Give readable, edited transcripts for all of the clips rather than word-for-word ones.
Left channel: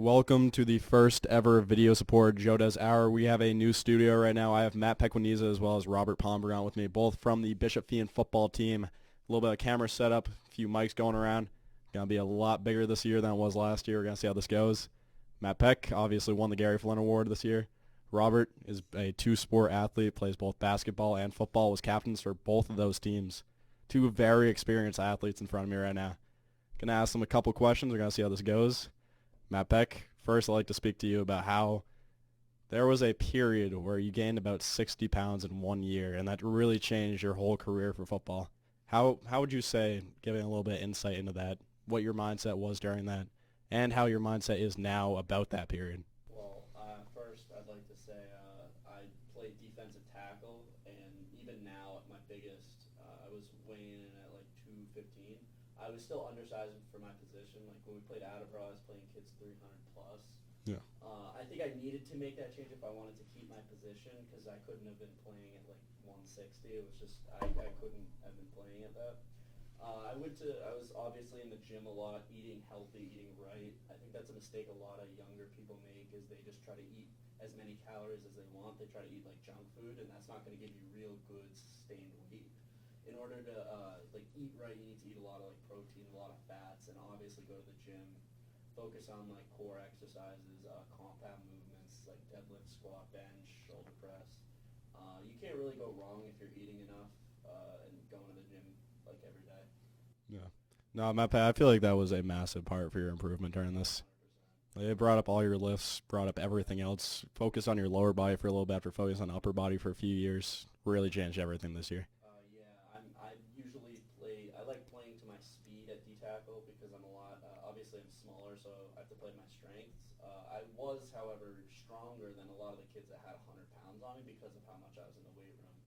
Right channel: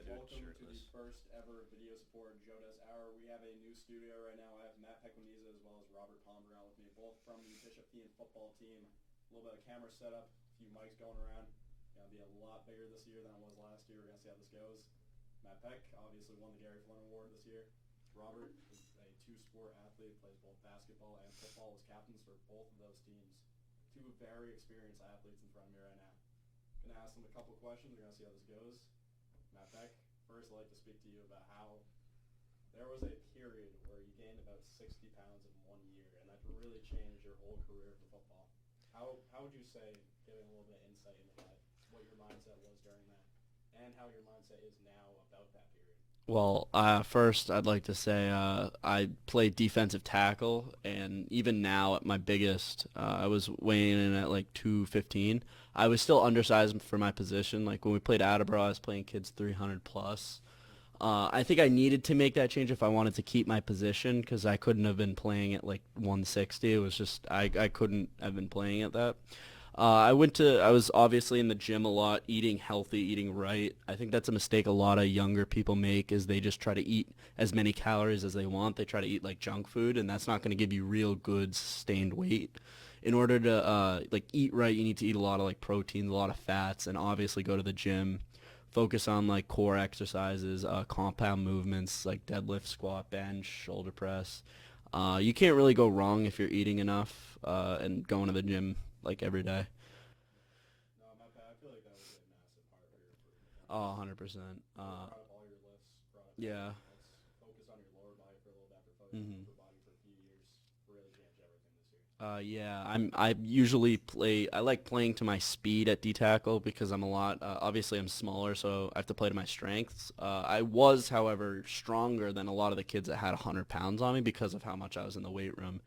Welcome to the first ever video support Joe Dez Hour. We have a new studio right now. I have Matt Pequiniza as well as Robert Pombriant with me, both from the Bishop Fian football team. A little bit of camera setup, a few mics going around. Going to be a lot bigger this year than it was last year. We're going to see how this goes. Matt Peck obviously won the Gary Flynn Award this year. Robert is a two-sport athlete, plays both basketball and football, was captains for both of those teams. Two very experienced athletes in front of me right now. Going to ask them a couple questions. We're going to see how this goes. Matt Peck, first I'd like to speak to you about how there was a period where you gained about 60 pounds in 1 year, and that really changed your whole career for football. How would you say, giving a little bit of insight into that, what your mindset was during that, and how your mindset is now about that period? Well, first I'd like to say I played defensive tackle, and even now at my biggest, I was weighing in at like 215. I was still undersized for my position. Like when we played Attleboro, I was playing kids 300 plus. Yeah. I think I needed to make that change if I wanted to keep my position because I couldn't have been playing at like 160. It was just I couldn't have been playing at that. I was obviously in the gym a lot, eating healthy, eating right. I think that's a mistake a lot of younger people make is they just try to eat as many calories as they want. They try to eat like junk food, and that's not going to give you real good sustained weight. In order to like eat right, you need to eat a lot of like proteins, a lot of fats, and obviously go to the gym. Focus on like core exercises, compound movements like deadlift, squat, bench, shoulder press. You can't really go wrong if you're eating enough and going to the gym like every day. Yeah. No, Matt Peck, I feel like that was a massive part for your improvement during Oh, this. 100%. It brought up all your lifts, brought up Yeah. everything else. Focus on your lower body for a little bit after focus on Mhm. upper body for a few years. Really changed everything this year. Yeah, I usually play. I like playing to my speed at D tackle because I'm a lot. Obviously, I'm smaller, so I have to play to my strengths. I was, however, stronger than a lot of the kids that had 100 pounds on me because of how much I was in the weight room,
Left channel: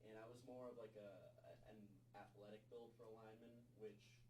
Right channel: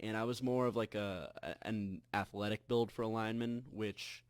and I was more of like an athletic build for a lineman, which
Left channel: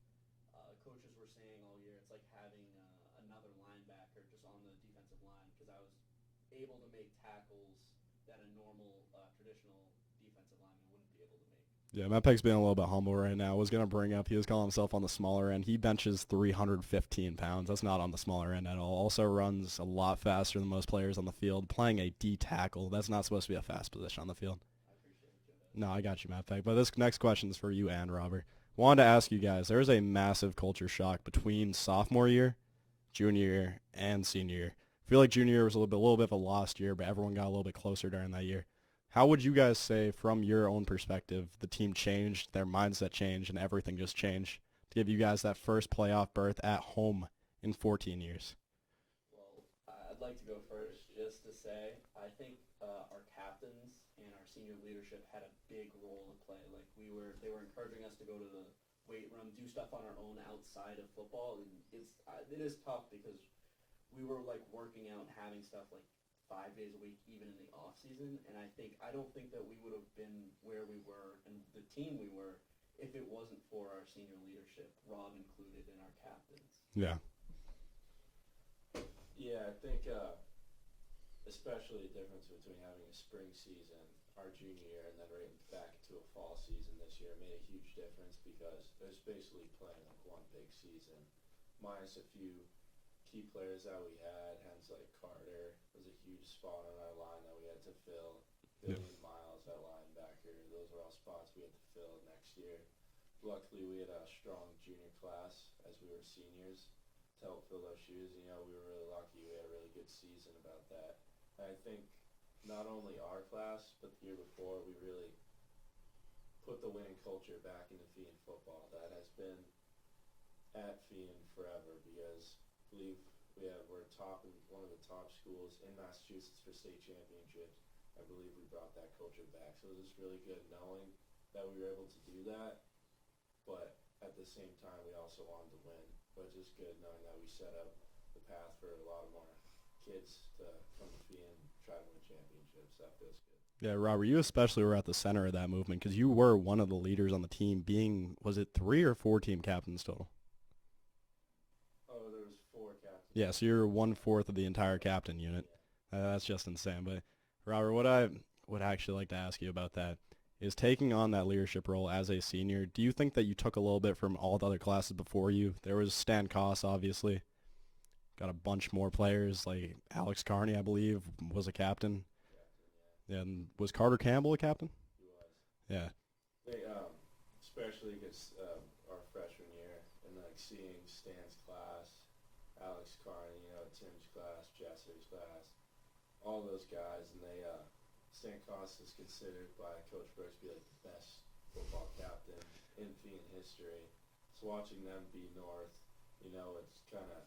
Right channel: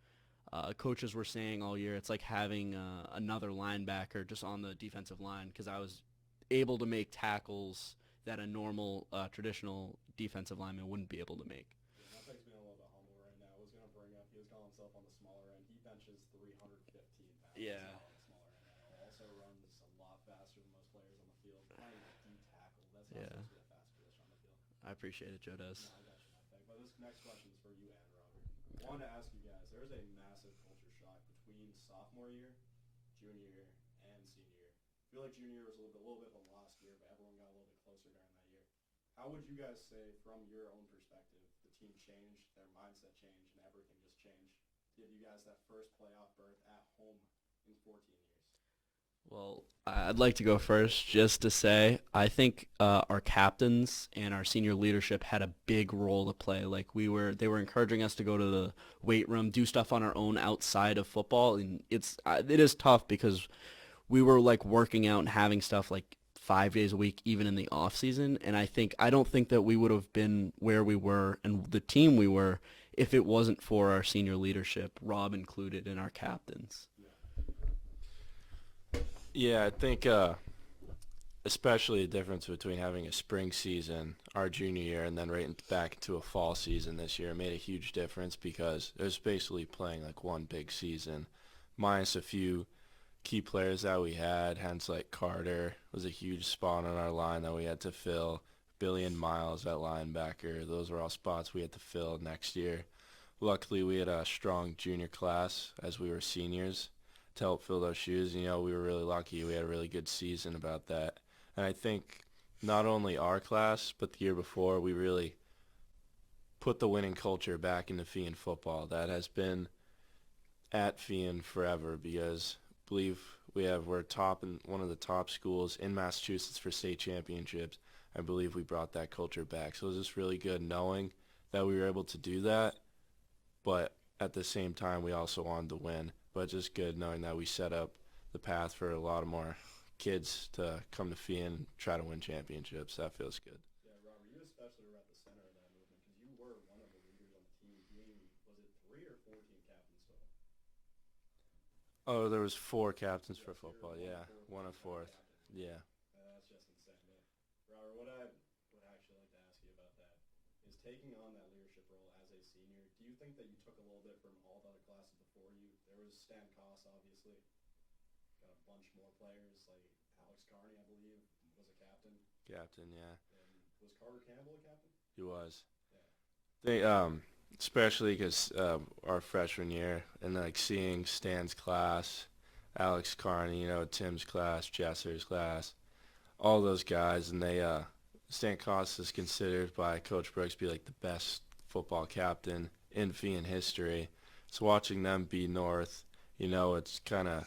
coaches were saying all year. It's like having another linebacker just on the defensive line because I was able to make tackles that a normal traditional defensive lineman wouldn't be able to make. Yeah, Matt Peck's being a little bit humble right now. I was going to bring up, he was calling himself on the smaller end. He benches 315 pounds. That's Yeah. not on the smaller end at all. Also runs a lot faster than most players on the field. Playing a D tackle, that's not Yeah. supposed to be a fast position on the field. I appreciate it, Joe Dez. No, I got you, Matt Peck. But this next question is for you and Robert. Wanted to ask you guys, there was a massive culture shock between sophomore year, junior year, and senior year. I feel like junior year was a little bit of a lost year, but everyone got a little bit closer during that year. How would you guys say, from your own perspective, the team changed, their mindset changed, and everything just changed to give you guys that first playoff berth at home in 14 years? Well, I'd like to go first just to say I think our captains and our senior leadership had a big role to play. Like they were encouraging us to go to the weight room, do stuff on our own outside of football, and it is tough because we were like working out and having stuff like 5 days a week, even in the off season. And I don't think that we would have been where we were and the team we were if it wasn't for our senior leadership, Rob included, and our captains. Yeah. Yeah, I think especially the difference between having a spring season our junior year and then back into a fall season this year made a huge difference because it was basically playing like one big season, minus a few key players that we had. Hence, like Carter was a huge spot on our line that we had to fill. Billy and Miles at linebacker. Those were all spots we had to fill next year. Luckily, we had a strong junior class as we were seniors to help fill those shoes. You know, we were really lucky. We had a really good season about that. And I think not only our class, but the year before, we really put the winning culture back into Fian football. That has been at Fian forever because I believe we're top in one of the top schools in Massachusetts for state championships. I believe we brought that culture back. So it was just really good knowing that we were able to do that, but at the same time we also wanted to win. But just good knowing that we set up the path for a lot of more kids to come to Fian and try to win championships. That feels good. Yeah, Robert, you especially were at the center of that movement because you were one of the leaders on the team being, was it 3 or 4 team captains total? Oh, there was 4 captains. Yeah, for so you're football, 1/4 of the 1/4. entire captain unit. Yeah. That's just insane. But Robert, what I would actually like to ask you about that is taking on that leadership role as a senior. Do you think that you took a little bit from all the other classes before you? There was Stan Koss, obviously, got a bunch more players. Like Alex Carney, I believe, was a captain. Captain, yeah. And was Carter Campbell a captain? He was. Yeah. They especially because our freshman year and like seeing Stan's class, Alex Carney, Tim's class, Jesser's class, all those guys, and Stan Costa is considered by Coach Brooks to be like the best football captain in Fian history. So watching them beat North, it's kind of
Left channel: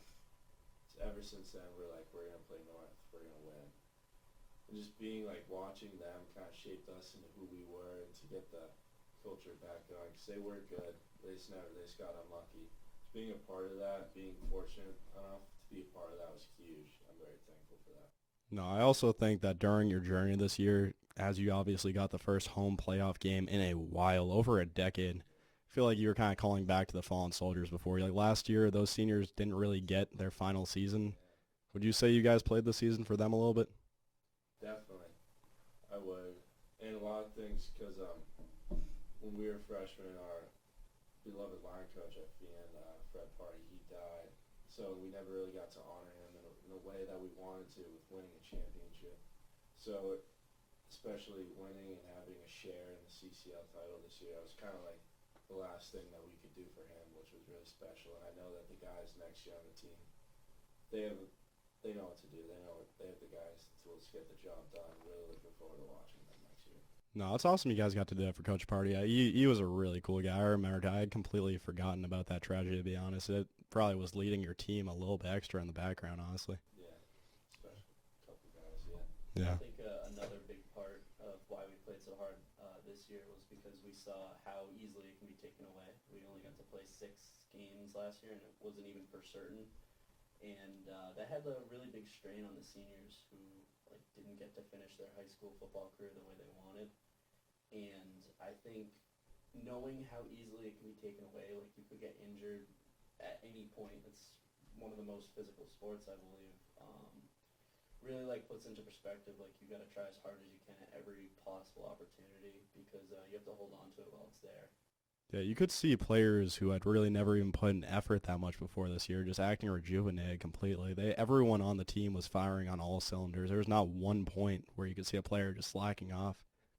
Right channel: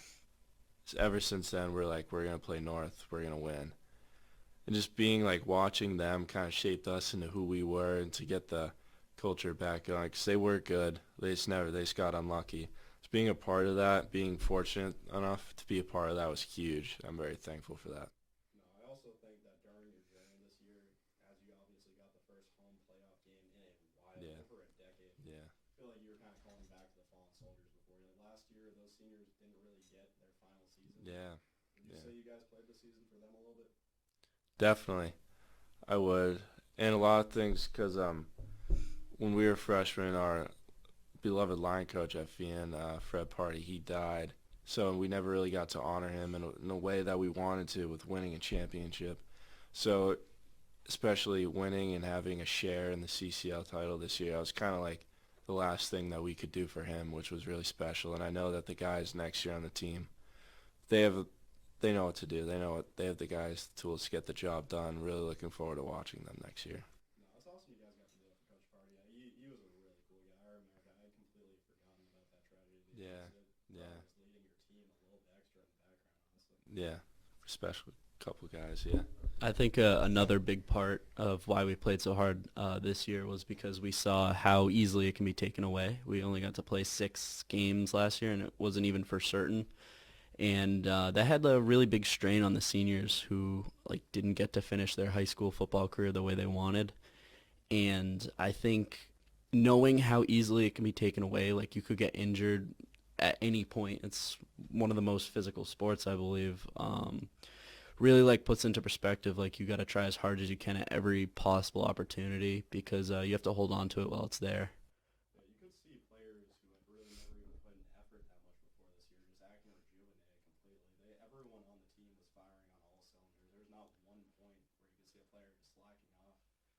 ever since then we're like we're gonna play North, we're gonna win, and just being like watching them kind of shaped us into who we were and to get the culture back going. Because they were good, they just got unlucky. So being a part of that, being fortunate enough to be a part of that was huge. I'm very thankful for that. No, I also think that during your journey this year, as you obviously got the first home playoff game in a while, over a decade, Yeah. I feel like you were kind of calling back to the fallen soldiers before. Like last year, those seniors didn't really get their final season. Yeah. Would you say you guys played the season for them a little bit? Definitely, I would, and a lot of things because when we were freshmen, our beloved line coach at Fian, Fred Party, he died, so we never really got to honor him in a way that we wanted to with winning a championship. So, especially winning and having a share in the CCL title this year, I was kind of like the last thing that we could do for him, which was really special. And I know that the guys next year on the team, they know what to do. They have the guys, the tools to get the job done. Really looking forward to watching them next year. No, it's awesome you guys got to do that for Coach Party. He was a really cool guy. I remember I had completely forgotten about that tragedy, to be honest. Yeah. It probably was leading your team a little bit extra in the background, honestly. Yeah, especially a couple guys, yeah. I think another big part of why we played so hard this year was because we saw how easily it can be taken away. We only got to play 6 games last year, and it wasn't even for certain. And that had a really big strain on the seniors who didn't get to finish their high school football career the way they wanted. And I think knowing how easily it can be taken away, you could get injured at any point. It's one of the most physical sports, I believe. Really puts into perspective you got to try as hard as you can at every possible opportunity because you have to hold on to it while it's there. Yeah, you could see players who had really never even put in effort that much before this year just acting rejuvenated completely. Everyone on the team was firing on all cylinders. There was not one point where you could see a player just slacking off,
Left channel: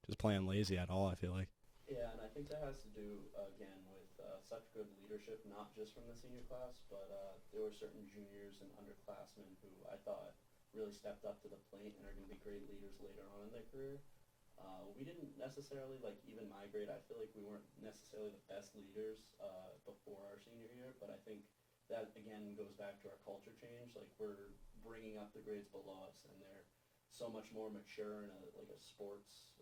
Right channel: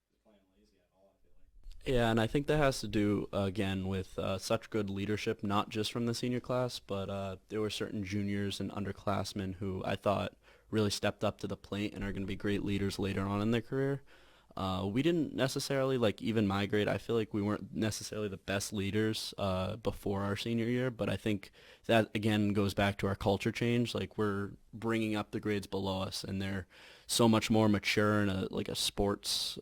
just playing lazy at all, I feel like. Yeah, and I think that has to do, again, with such good leadership, not just from the senior class, but there were certain juniors and underclassmen who I thought really stepped up to the plate and are going to be great leaders later on in their career. We didn't necessarily even my grade. I feel like we weren't necessarily the best leaders before our senior year, but I think that again goes back to our culture change. We're bringing up the grades below us, and they're so much more mature in a sports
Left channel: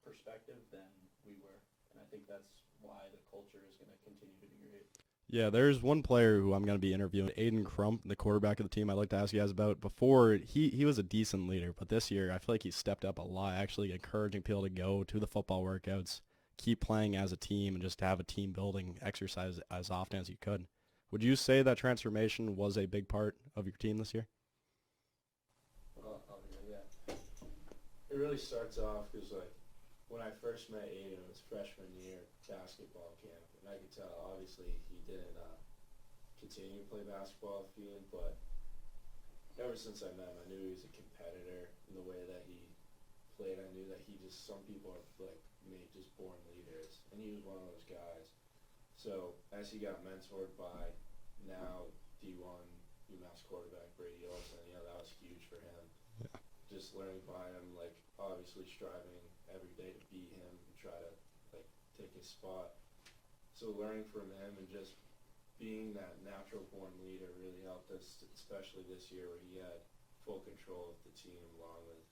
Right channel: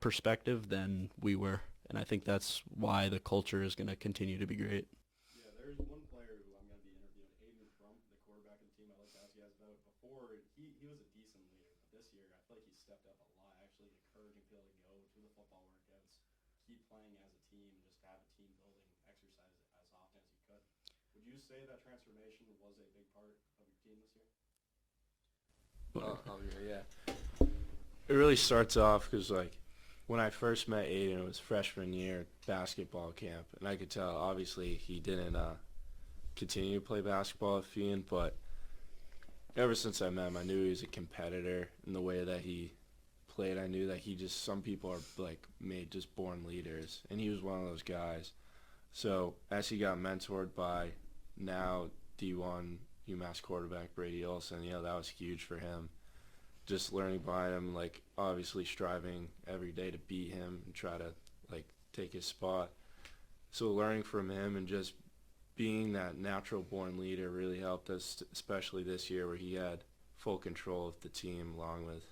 perspective than we were, and I think that's why the culture is going to continue to be great. Yeah, there's one player who I'm going to be interviewing, Aiden Crump, the quarterback of the team I'd like to ask you guys about. Before, he was a decent leader, but this year I feel like he's stepped up a lot, actually encouraging people to go to the football workouts, keep playing as a team, and just have a team-building exercise as often as you could. Would you say that transformation was a big part of your team this year? Yeah. It really starts off because, when I first met Aiden, it was freshman year basketball camp, and I could tell, obviously, he didn't continue to play basketball at Fian, but ever since I met him, I knew he was a competitor in the way that he played. I knew that some people are, made just born leaders, and he was one of those guys. So as he got mentored by now D1 UMass quarterback Brady Olson, that was huge for him. Just learning by him, obviously striving every day to beat him and try to, take his spot. So learning from him and just being that natural-born leader really helped us, especially this year where he had full control of the team along with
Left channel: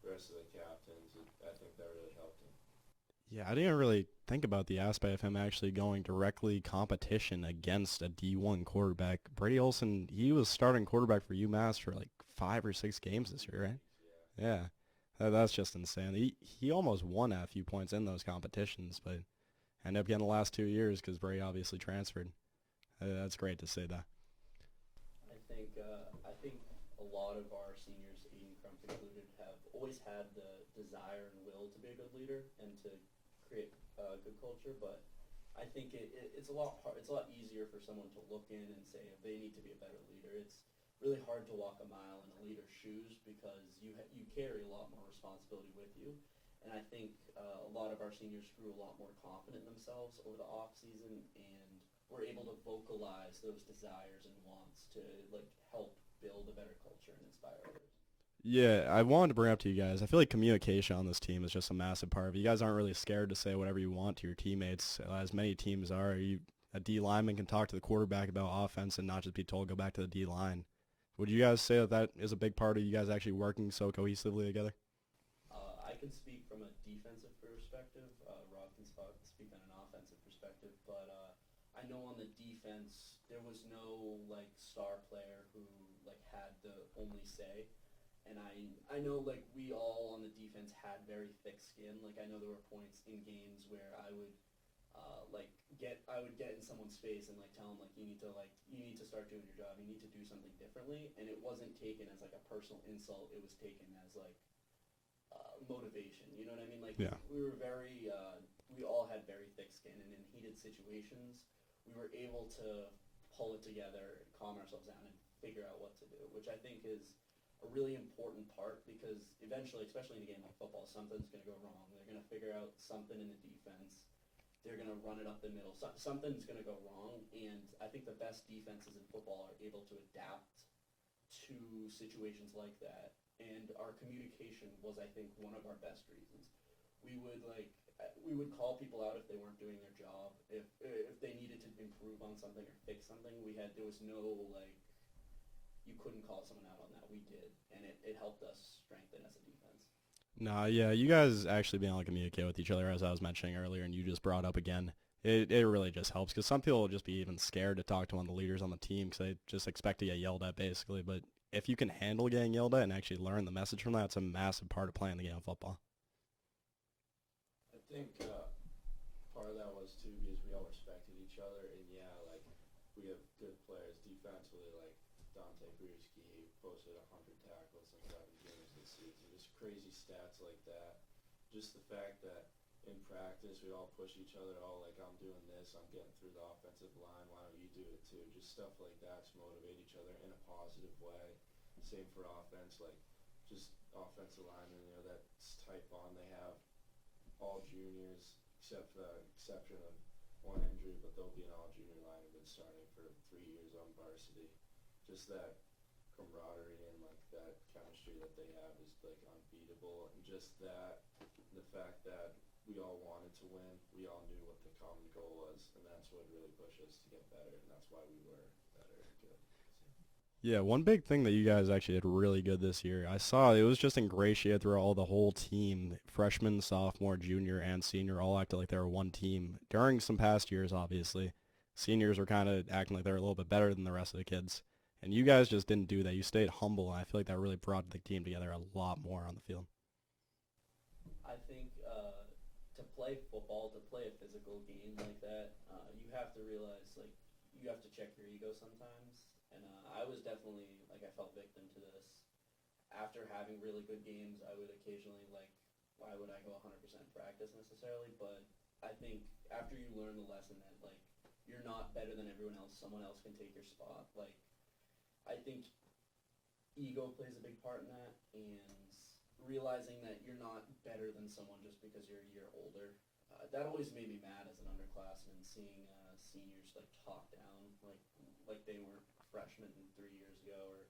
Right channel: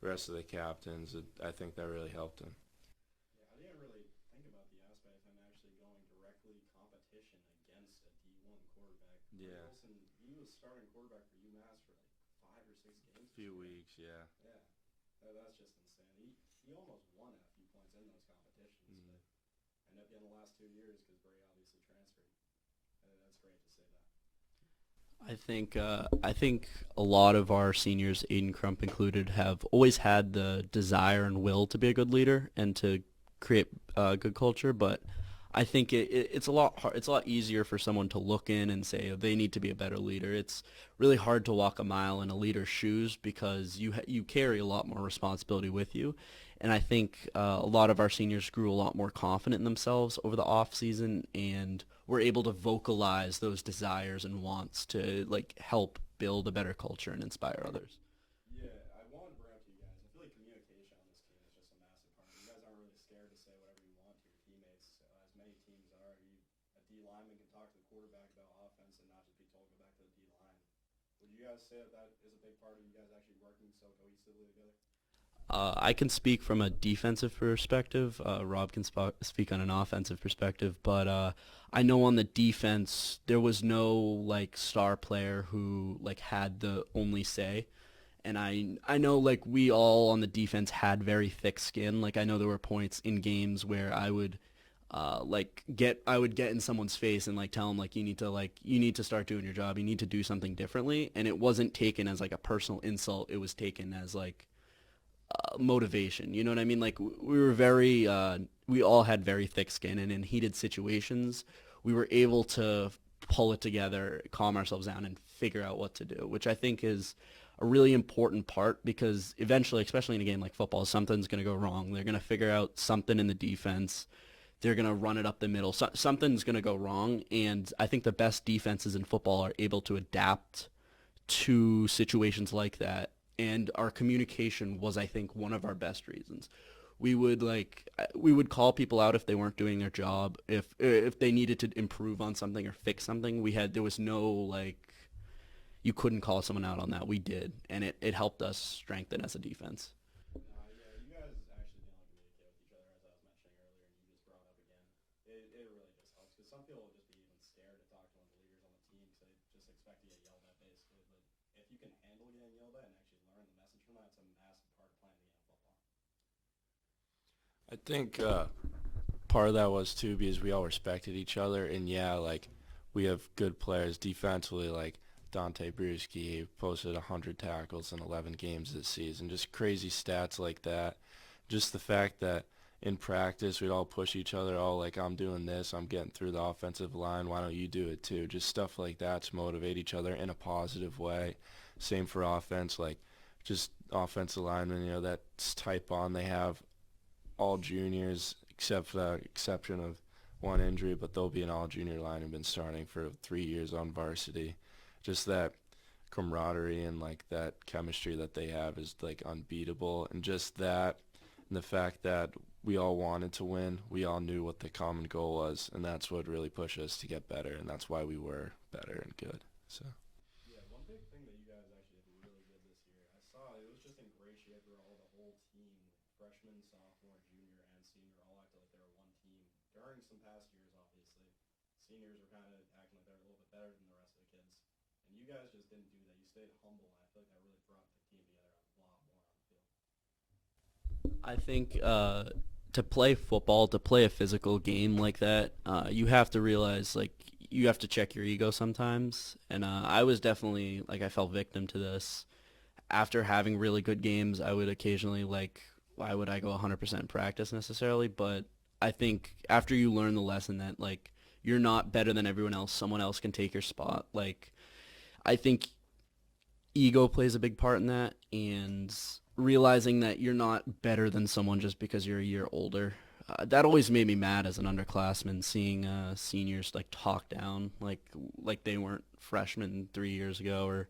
the rest of the captains. I think that really helped him. Yeah, I didn't really think about the aspect of him actually going directly competition against a D1 quarterback. Brady Olson, he was starting quarterback for UMass for 5 or 6 games this year, right? Yeah. Yeah, that's just insane. He almost won at a few points in those competitions, but ended up getting the last 2 years because Brady obviously transferred. That's great to see that. I think a lot of our seniors, Aiden Crump included, have always had the desire and will to be a good leader and to create good culture, but I think it's a lot it's a lot easier for someone to look in and say they need to be a better leader. It's really hard to walk a mile in a leader's shoes because you carry a lot more responsibility with you. And I think a lot of our seniors grew a lot more confident in themselves over the off season and were able to vocalize those desires and wants to like help build a better culture and inspire others. Yeah, I wanted to bring up to you guys. I feel like communication on this team is just a massive part of it. You guys aren't really scared to say whatever you want to your teammates, as many teams are. A D lineman can talk to the quarterback about offense and not just be told go back to the D line. Would you guys say that that is a big part of you guys actually working so cohesively together? I can speak from a defensive perspective. Rob can speak on an offensive perspective, but I know on the defense there was no like star player who like had the only say. And I know like we all on the defense had very thick skin. Like I know there were points in games where I would I would get in someone's face and like tell them you need to start doing your job. You need to do something differently. And it wasn't taken as like a personal insult. It was taken as like motivation. You know what I mean? Like Yeah. we were very we all had very thick skin, and in heated situations we were able to pull it together, calm ourselves down, and figure out what to do, which I think is a really important part because eventually, especially in a game like football, something's going to go wrong. They're going to figure out something in the defense. They're going to run it up the middle. Something's going to go wrong, and I think the best defenses in football are able to adapt to situations like that. And our communication was, I think, one of our best reasons. We would call people out if they weren't doing their job, if they needed to improve on something or fix something. There was no like you couldn't call someone out on that. We did, and it helped us strengthen as a defense. Nah, yeah, you guys actually being able to communicate with each other, as I was mentioning earlier, and you just brought up again, it really just helps because some people will just be even scared to talk to one of the leaders on the team because they just expect to get yelled at, basically. But if you can handle getting yelled at and actually learn the message from that, it's a massive part of playing the game of football. I think part of that was too because we all respected each other, and yeah, like we have good players defensively, like Dante Bruschi posted 100 tackles in 11 games this season, just crazy stats like that. Just the fact that in practice we'd all push each other, oh, like I'm doing this, I'm getting through the offensive line, why don't you do it too? Just stuff like that to motivate each other in a positive way. Same for offense, like just offensive linemen, that's type on. They have all juniors except for the exception of one injury, but they'll be an all junior line and been starting for 3 years on varsity. Just that camaraderie and like that chemistry that they have is like unbeatable, and just that and the fact that we all wanted to win, we all knew what the common goal was, and that's what really pushed us to get better, and that's why we were better and good. So Yeah, one big thing that you guys actually did really good this year, I saw it was just ingratiated through all the whole team, freshman, sophomore, junior, and senior, all acted like they were one team. During some past years, obviously, seniors were kind of acting like they were a little bit better than the rest of the kids. And you guys just didn't do that. You stayed humble, and I feel like that really brought the team together a lot more on the field. I think to play football, to play a physical game like that, you have to realize like you have to check your ego sometimes. And I was definitely like I fell victim to this. After having really good games, I would occasionally like why would I go 100% practice necessarily? But I think after you learn the lesson that like you're not better than everyone else, someone else can take your spot. Like I think ego plays a big part in that, and realizing that you're not better than someone just because you're a year older. That always made me mad as an underclassman, seeing seniors like talk down like they weren't freshmen 3 years ago or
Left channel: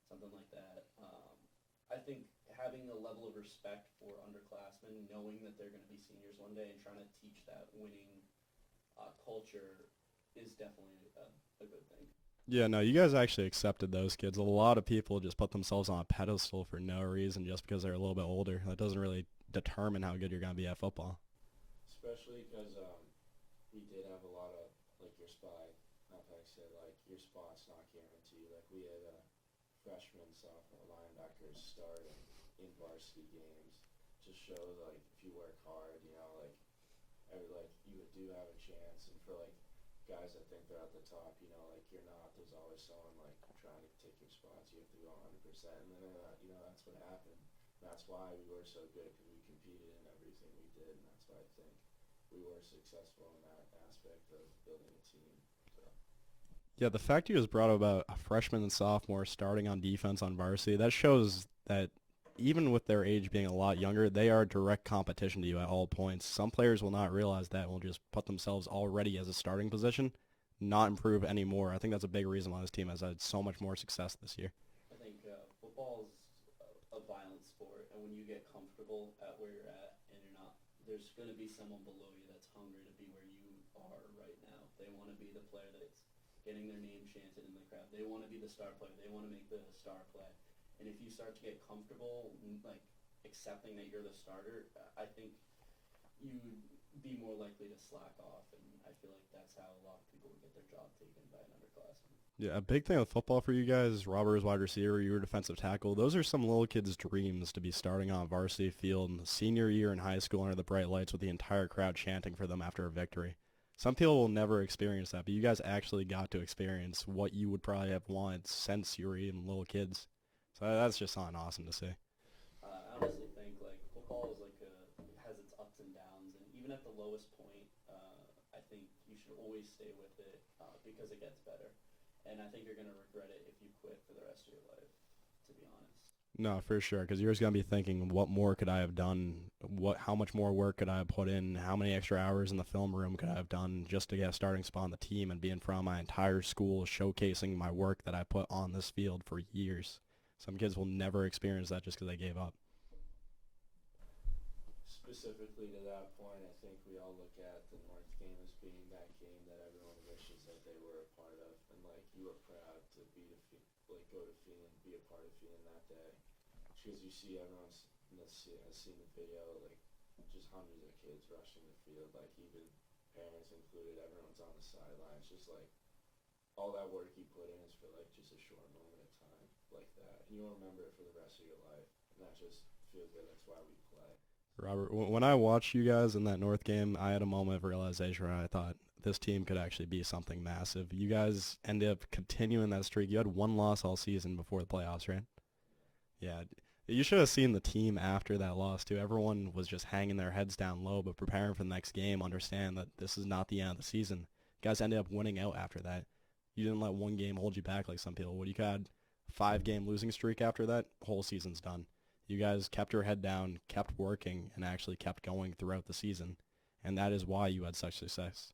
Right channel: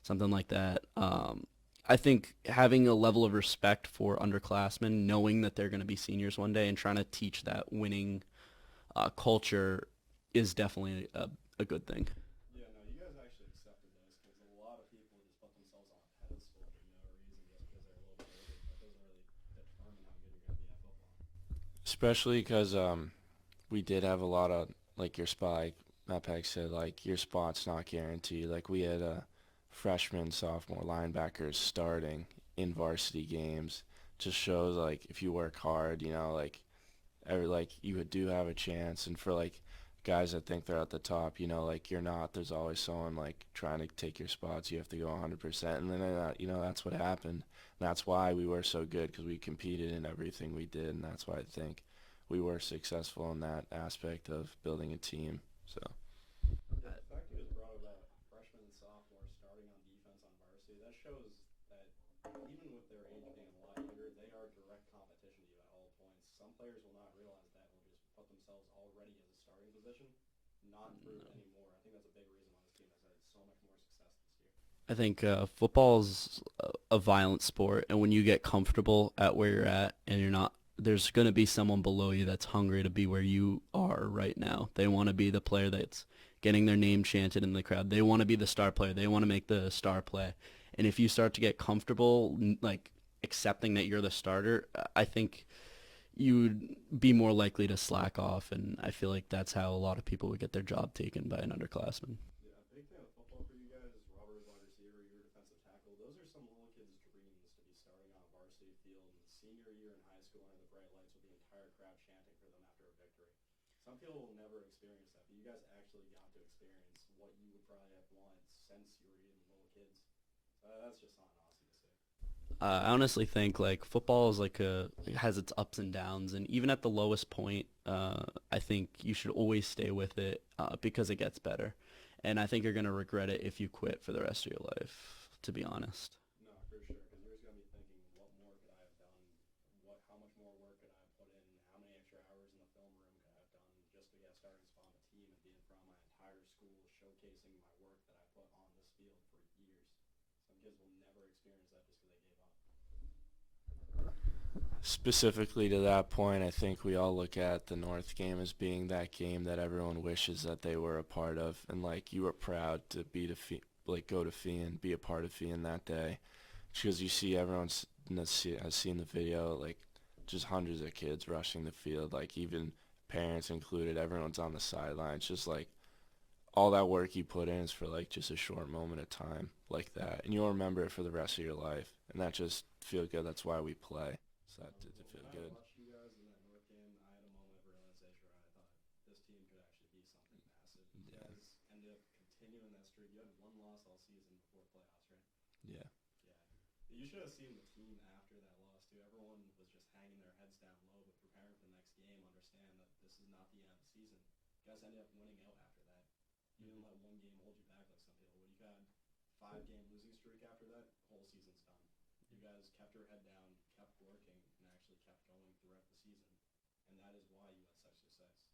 something like that. I think having a level of respect for underclassmen, knowing that they're going to be seniors one day, and trying to teach that winning culture is definitely a good thing. Yeah, no, you guys actually accepted those kids. A lot of people just put themselves on a pedestal for no reason just because they're a little bit older. That doesn't really determine how good you're going to be at football. especially because we did have a lot of like your spot, like Matt Peck said, like your spot's not guaranteed. Like we had freshman, sophomore linebackers starting in varsity games. Just shows like if you work hard, like you do have a chance. And for like guys that think they're at the top, like you're not. There's always someone like trying to take your spots. You have to go 100%, and then that's what happened. And that's why we were so good because we competed in everything we did, and that's why I think we were successful in that aspect of building a team. So Yeah, the fact you just brought up about a freshman and sophomore starting on defense on varsity, that shows that even with their age being a lot younger, they are direct competition to you at all points. Some players will not realize that and will just put themselves already as a starting position, not improve anymore. I think that's a big reason why this team has had so much more success this year. I think football's a violent sport, and when you get comfortable at where you're at and you're not, there's going to be someone below you that's hungry to be where you are right now. They want to be the player that's getting their name chanted in the crowd. They want to be the star player. They want to make the star play. And if you start to get comfortable, like accepting that you're the starter, I think you would be more likely to slack off, and I feel like that's how a lot of people would get their job taken by an underclassman. Yeah, a big thing with football for you guys, Robert is wide receiver, you were defensive tackle. Those are some little kids' dreams to be starting on a varsity field in the senior year in high school under the bright lights with the entire crowd chanting for them after a victory. Some people will never experience that, but you guys actually got to experience what you would probably have wanted since you were even little kids. So that's just something awesome to see. I honestly think like football is like it has its ups and downs, and even at the lowest point, I think you should always stay with it because it gets better. And I think you're gonna regret it if you quit for the rest of your life, to be honest. No, for sure, because you're just going to be thinking, what more could I have done? How much more work could I have put in? How many extra hours in the film room could I have done just to get a starting spot on the team and be in front of my entire school showcasing my work that I put on this field for years? Some kids will never experience that just because they gave up. specifically to that point, I think we all look at the North game as being that game that everyone wishes that they were a part of, and like you were proud to be go to Fee and be a part of Fee in that day, because you see everyone's has seen the video, like just hundreds of kids rushing the field, like even parents included, everyone's on the sidelines, just like all that work you put in is for like just a short moment of time like that, and you'll remember it for the rest of your life, and that just feel good. That's why we play. So Robert, when I watched you guys in that North game, I had a moment of realization where I thought this team could actually be something massive. You guys ended up continuing that streak. You had one loss all season before the playoffs, right? Yeah. Yeah. You should have seen the team after that loss, too. Everyone was just hanging their heads down low, but preparing for the next game, understand that this is not the end of the season. You guys ended up winning out after that. You didn't let one game hold you back like some people would. You had a 5-game losing streak after that, whole season's done. You guys kept your head down, kept working, and actually kept going throughout the season, and that is why you had such success.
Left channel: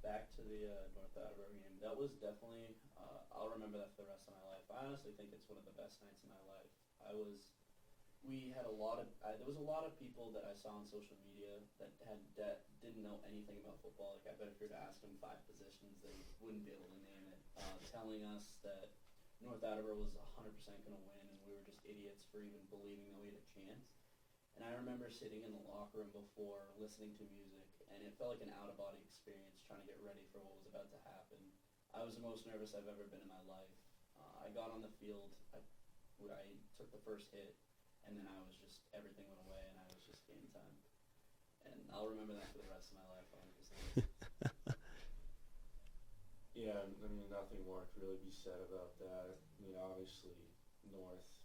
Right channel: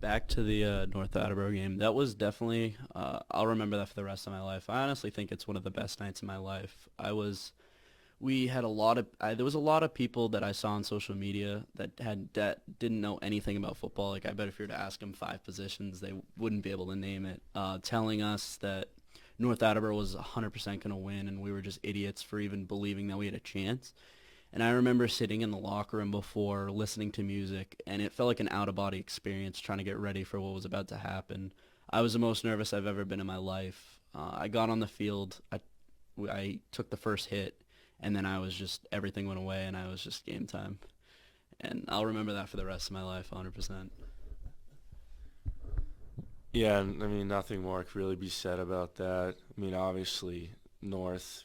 Back to the North Attleboro game. That was definitely, I'll remember that for the rest of my life. I honestly think it's one of the best nights of my life. We had there was a lot of people that I saw on social media that didn't know anything about football. Like, I bet if you were to ask them 5 positions, they wouldn't be able to name it. Telling us that North Attleboro was 100% going to win, and we were just idiots for even believing that we had a chance. And I remember sitting in the locker room before, listening to music, and it felt like an out-of-body experience trying to get ready for what was about to happen. I was the most nervous I've ever been in my life. I got on the field. I took the first hit, and then everything went away, and I was just game time. And I'll remember that for the rest of my life, 100%. Yeah, I mean, nothing more could really be said about that. I mean, obviously, North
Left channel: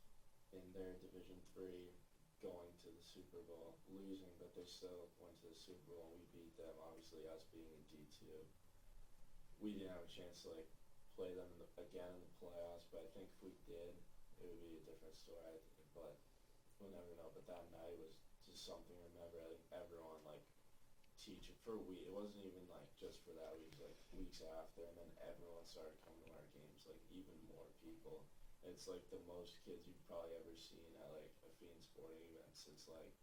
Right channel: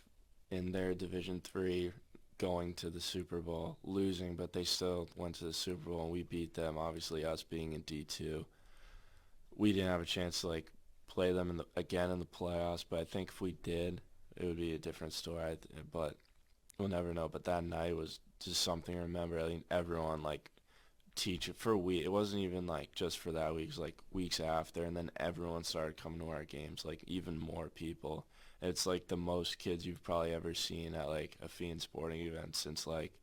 in their Division III going to the Super Bowl, losing, but they still went to the Super Bowl, and we beat them. Obviously, us being in D2, we didn't have a chance to, like, play them again in the playoffs, but I think if we did, it would be a different story, but we'll never know. But that night was just something to remember. I think everyone, like, it wasn't even like just for that week, it was like weeks after, and then everyone started coming to our games, like even more people. It's like the most kids you've probably ever seen at like a Fiend sporting event since, like,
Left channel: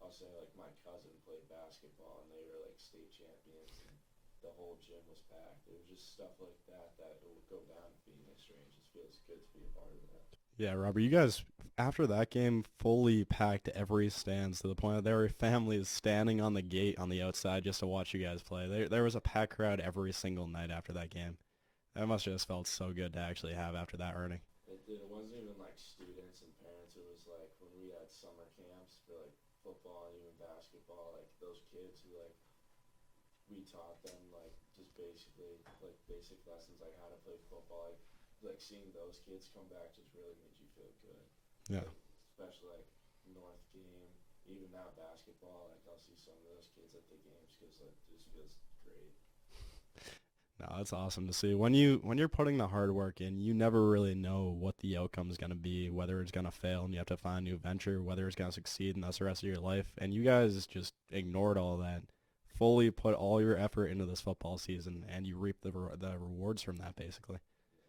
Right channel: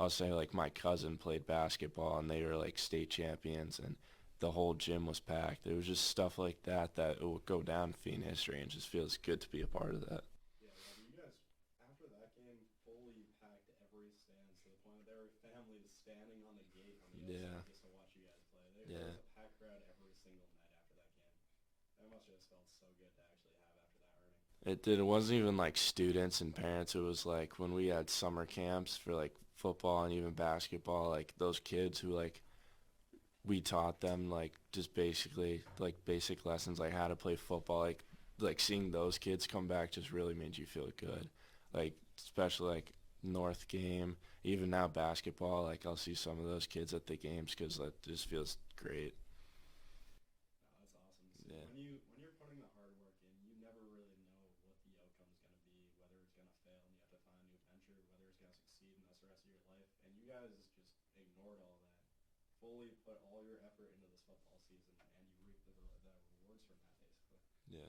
I'll say, like, my cousin played basketball and they were like state champions and the whole gym was packed. It was just stuff like that will go down in Fiend history, and just feels good to be a part of that. Yeah, Robert, you guys, after that game, fully packed every stands to the point that there were families standing on the gate on the outside just to watch you guys play. There was a packed crowd every single night after that game. That must have just felt so good to actually have after that earning. It did. It wasn't even like students and parents. It was like when we had summer camps for like football and even basketball, like those kids who, like, we taught them like just basically like basic lessons, like how to play football, like seeing those kids come back just really made you feel good. Yeah. Like, especially like North game. Even now basketball, like I'll see some of those kids at the games because that just feels great. No, that's awesome to see. When you're putting the hard work in, you never really know what the outcome is going to be, whether it's going to fail and you have to find a new venture, whether it's going to succeed and that's the rest of your life. And you guys just ignored all that, fully put all your effort into this football season, and you reap the rewards from that, basically. Yeah.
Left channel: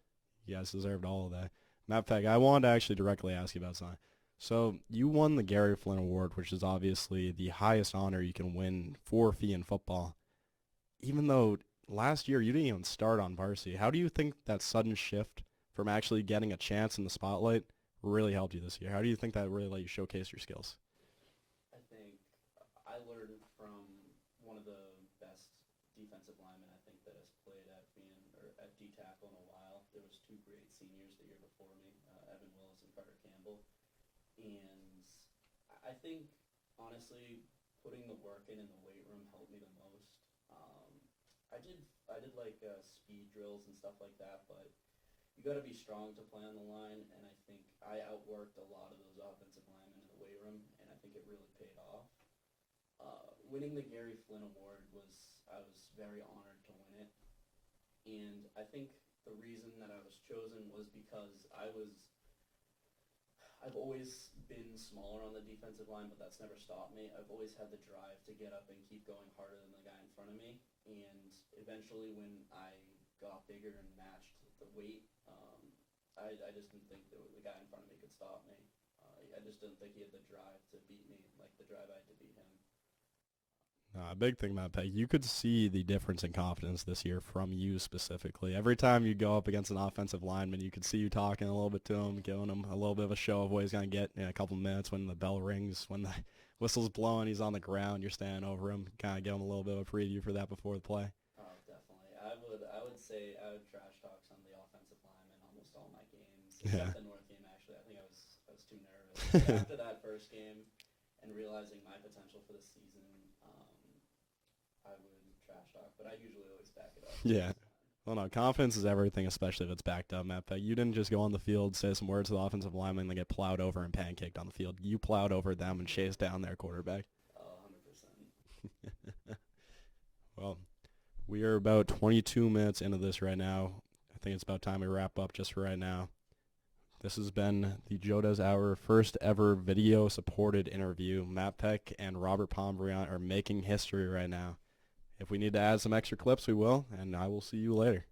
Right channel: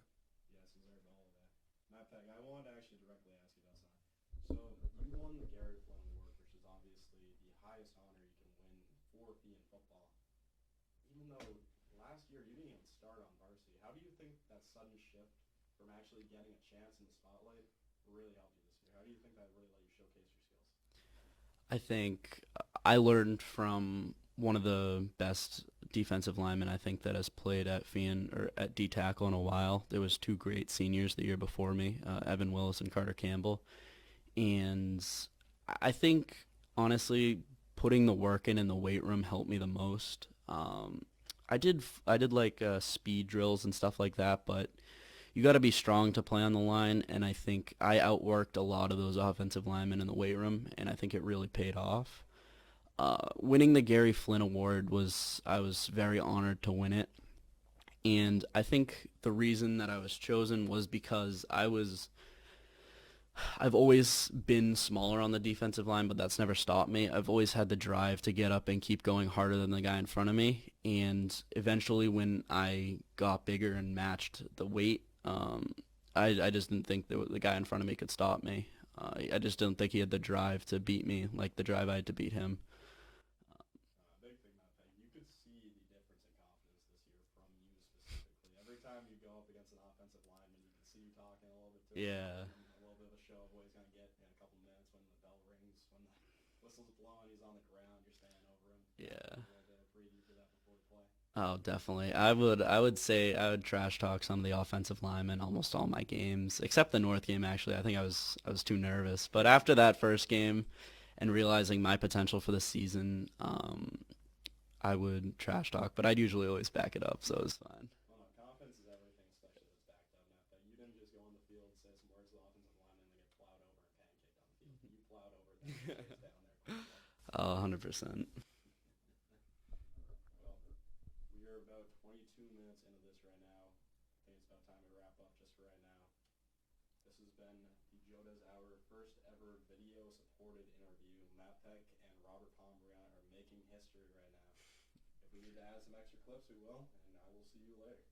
You guys deserved all of that. Matter of fact, I wanted to actually directly ask you about something. So you won the Gary Flynn Award, which is obviously the highest honor you can win for fee in football. Even though last year you didn't even start on varsity, how do you think that sudden shift from actually getting a chance in the spotlight really helped you this year? How do you think that really let you showcase your skills? I think I learned from one of the best defensive linemen I think that has played at Fian or at D tackle in a while. There was two great seniors the year before me, Evan Willis and Carter Campbell, and I think honestly putting the work in the weight room helped me the most. I did like speed drills and stuff like that, but you got to be strong to play on the line, and I think I outworked a lot of those offensive linemen in the weight room, and I think it really paid off. Winning the Gary Flynn Award I was very honored to win it, and I think the reason that I was chosen was because I've always been smaller on the defensive line, but that's never stopped me. I've always had the drive to get up and keep going harder than the guy in front of me, and eventually when I got bigger and matched the weight, I just didn't think the guy in front of me could stop me. I just didn't think he had the drive to beat me like the drive I had to beat him. A big thing about Peg, you could see the difference in confidence this year from you specifically. Every time you go up against an offensive lineman, you could see you talking a little bit to him, Yeah. giving him a little bit of a show of what he's going to get in a couple minutes when the bell rings, when the whistle's blowing, he's on the ground, you're standing over him, kind of give him a little bit of a preview for that before the play. Oh, definitely. I would say I would trash talk some of the offensive linemen almost all my games, except the North game actually. I think I was too nervous. But after that first game and realizing my potential for the season, I would trash talk, but I'd usually always back it up, so it's fine. Well, no, confidence is everything, especially if it's backed up, Matt. But you didn't just go on the field, say some words to the offensive lineman, and then get plowed over and pancaked on the field. You plowed over them and chased down their quarterback. 100%. Well, we are about 22 minutes into this right now. I think it's about time we wrap up just for right now. This has been the Joe Dez Hour first ever video supported interview. Matt Peck and Robert Pombriant are making history right now. If we need to add some extra clips, we will, and I will see you later.